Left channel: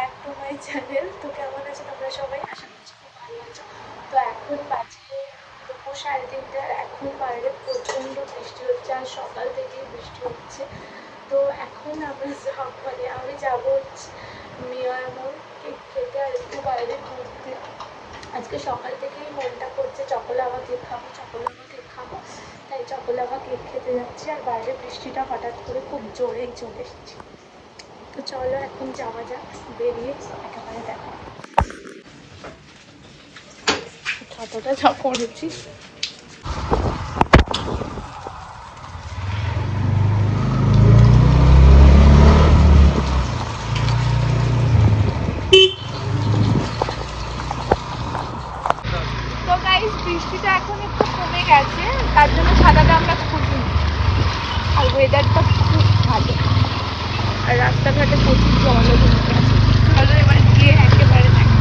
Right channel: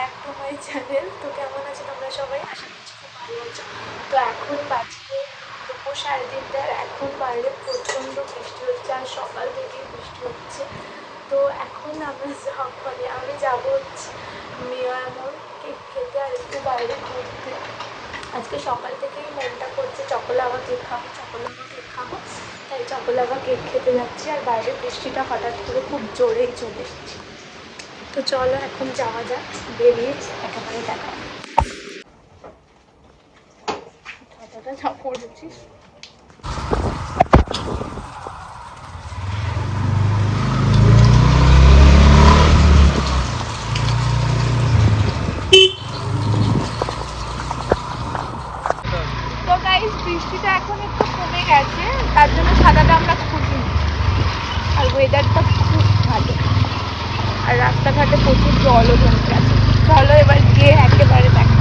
Back to my channel. তো কেমন আছে তোমরা সবাই? আশা করছি খুব ভালো আছো। তো এখন বাজে দুপুর 3:30, আর এখন বাইরে প্রচণ্ড বৃষ্টি হচ্ছে, আর সকাল থেকেই বৃষ্টি হচ্ছে। তো এখন আমি যাবো হচ্ছে মেয়ার মোড় কেক খেতে, আর একটু বাইরে ঘুরতে। আজকে সকাল থেকেই মনটা করছে চকোলাভা কেক খাবো, তাই চকোলাভা কেক খেতে যাচ্ছি। আর বাইরে বৃষ্টিটা হঠাৎ করে খুব জোরেই চলে এসেছি। তো চলো এখন যাওয়া যাক, বেরিয়ে একেবারে দেখা। যতটা যা করেছি। তো গাইস, বৃষ্টিটা এখন একটু কমে গেছে, তার জন্য ছাতাটা আমরা খুলিনি। আর ওয়েদারটা খুব ভালো, আর রাস্তাঘাটে প্রচুর জলও জমে গেছে। চলো এবার গিয়ে একেবারে দেখা।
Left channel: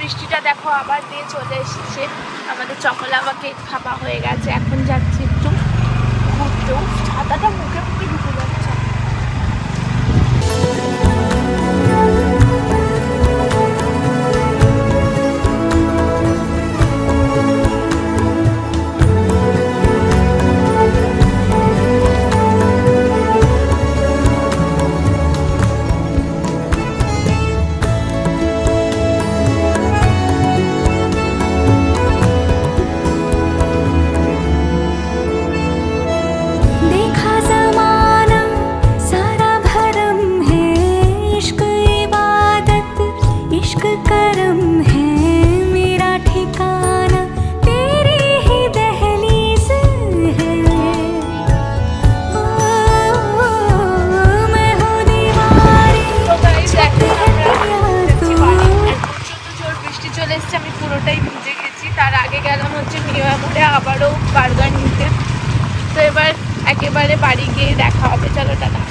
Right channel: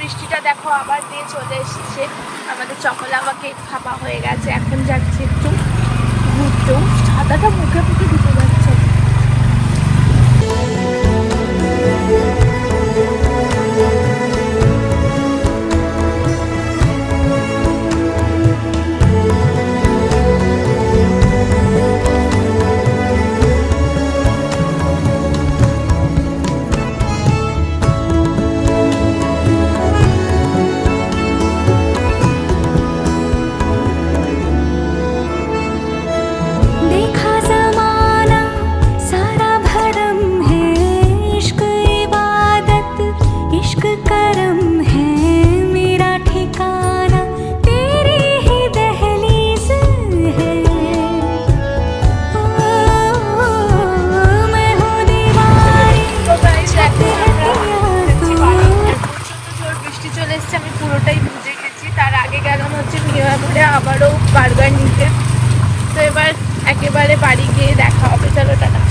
বৃষ্টিটা দেখো আবার দিয়ে চলে এসেছে। আমাদের চকোলাভা কেক খাওয়া হয়ে গেছে, এখন যাচ্ছি একটু ঘুরতেও। ছাতাটা মুখে দিতে যাচ্ছে। আবারও বার্গার নিতে। তো এবার একেবারে বাড়ি গিয়ে দেখা হবে। চলো টাটা।